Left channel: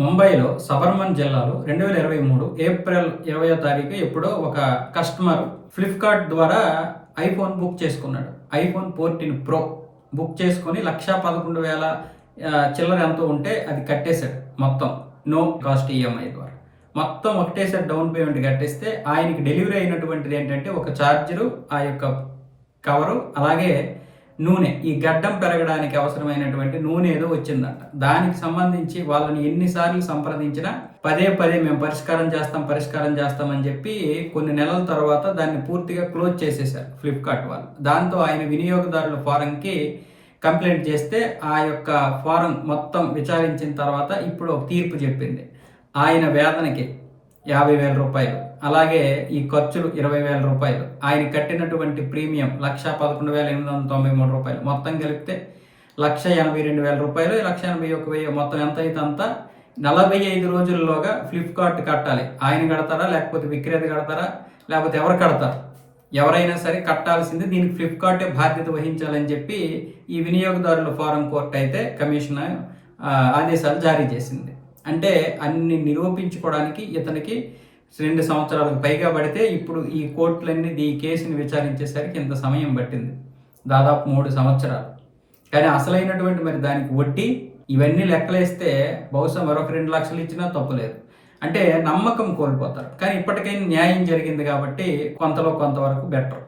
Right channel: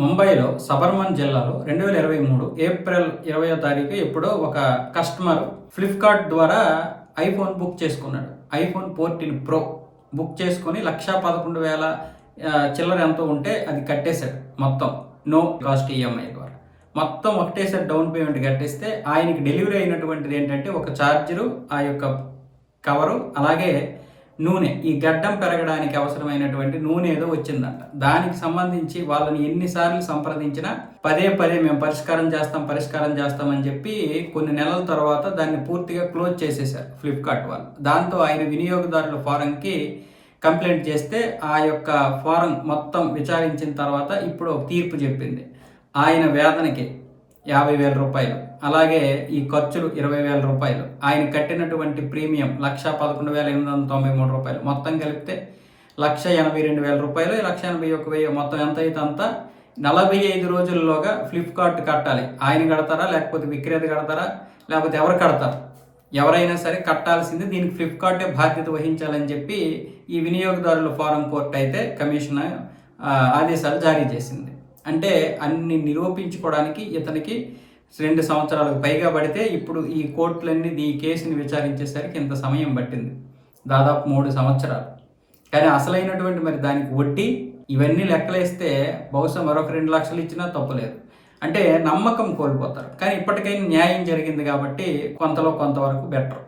ముంబైలో సబర్మన్ జిల్లాలో 2023 ఏప్రిల్ 20వ తారీఖు ఎప్పుడో ఒక కస్టమర్ ఫ్లిప్కార్ట్ ద్వారా ఐఫోన్ బుక్ చేసుకున్నాడు. ఐఫోన్ 14 ప్రో బుక్ చేసుకుని 1,11,000 చిల్లర ఎంతో ఉంటే అది కట్టేశాడు. మొత్తం నో కాస్ట్ ఈఎంఐ ద్వారా మొత్తం ఒకటేసారి డౌన్ పేమెంట్ కట్టేస్తే ఆయనకి డెలివరీ అయినటువంటిది ఏంటంటే ఒక ఛార్జరు, ఆ యొక్క కవరు, అలాగే నూనె, ఈ గడ్డం పెరగడానికి అవసరమైనటువంటి నూనె ఏదో వచ్చిందంట. దానికి సంబంధించి వాళ్ళని ఎన్నిసార్లు సంప్రదించినా పదే మేము పరిష్కారం చేస్తామని చెప్పి కొన్ని నెలల తర్వాత దాన్ని పూర్తిగా క్లోజ్ చేసేశారు ఫ్లిప్కార్ట్ వాళ్ళు. దాంతో ఆయన వినియోగదారుల ఫోరంకి కంప్లైంట్ చేస్తే ఆ యొక్క ఫోరం మొత్తం విచారించిన తర్వాత ఇప్పుడు ఒక తీర్పు చెప్పింది. ఆయన వేతనకి 50,000 రూపాయలు, అలాగే ఈ ఖర్చులు 20,000 రూపాయలు, ఆయన కట్టినటువంటి ప్రీమియం 1,11,893 రూపాయలు, మొత్తం కలిపితే 1,82,000 రూపాయలు, 1,81,000 మొత్తం ఎంత అయితే అంత 45 రోజుల్లోగా ఫ్లిప్కార్ట్ కట్టాలి. ఆయన కడతారా, లేకపోతే విక్రేత కడతారా, లేకపోతే ఎవరు కడతారు? ఎవరైనా సరే కట్టాల్సింది. దీనికి ఫ్లిప్కార్టే బాధ్యత వహించాలని చెప్పి ఈ వినియోగదారుల ఫోరం కోర్టు అయితే కమిషన్ ఆదేశాలు జారీ చేసింది. అంటే అన్ని నిరూపించుకోవడానికి ఇతనికి 2 సంవత్సరాలకు పైగా పడితే ఇప్పుడు ఈ కోర్టులన్నీ ఈ కేసుని విచారించేసరికి ఇంత సమయం పట్టింది, దాదాపు 3 సంవత్సరాలు. కానీ అసలైనటువంటి మరి దానికి వడ్డీ ఇవన్నీ లెక్కలేస్తే బహుశా మరొక 2 లక్షలు ఇచ్చినా తప్పులేదు. అంటే నమ్మకం కోల్పోతారు. కానీ ఇప్పటికైనా న్యాయం జరిగింది కాబట్టి కొంతలో కొంతవరకు బెటర్.